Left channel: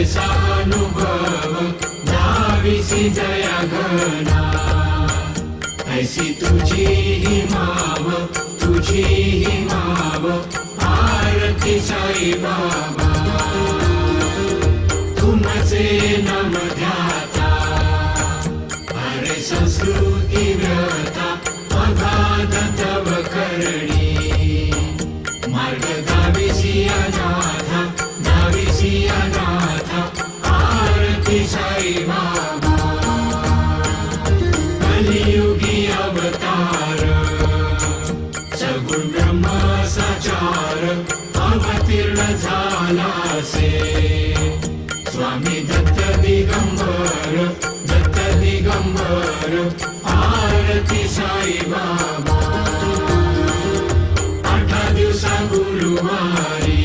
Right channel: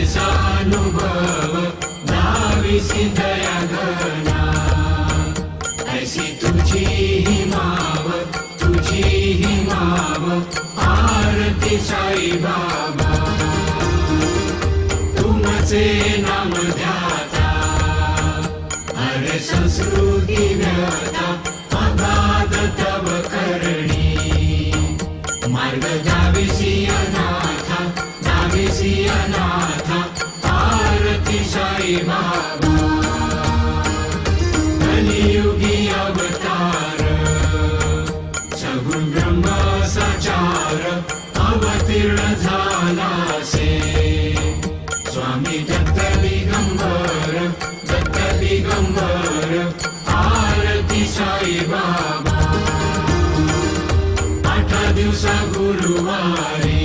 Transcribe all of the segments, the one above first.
रसानुभव दाविसी दया घना ऐसी तुझी ही माव आरती साई बाबा तुमचे नाम ध्याता हरे संस्कृती व्यथा अगाध तव करणी मार्ग दाविसी अनाथा आरती साई बाबा कलियुगी अवतार सगुण ब्रह्म साचार अवतीर्ण झाला से स्वामी दत्त दिगंबर आरती साई बाबा 8 दिवस गुरुवारी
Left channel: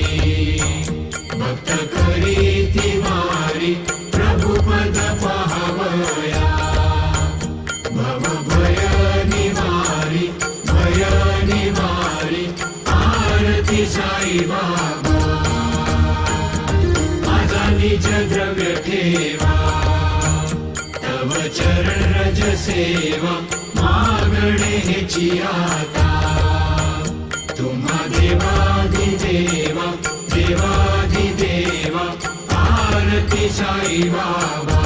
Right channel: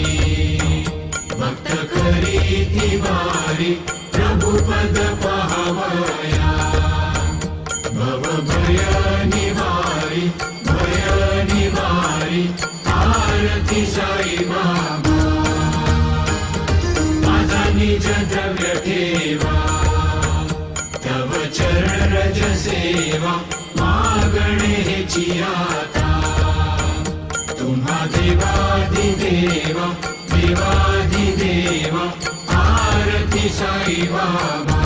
भक्त खरी तिवारी प्रभुपद पावया भव भय निवारी आरती साई बाबा माझा निज द्रव्य ठेवा तव चरण रज सेवा मागणे हेची आता तुम्हा देवाधिदेवा आरती साई बाबा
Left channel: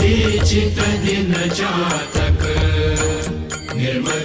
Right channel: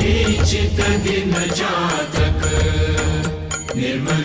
हे चित्त दिन जातक निर्मल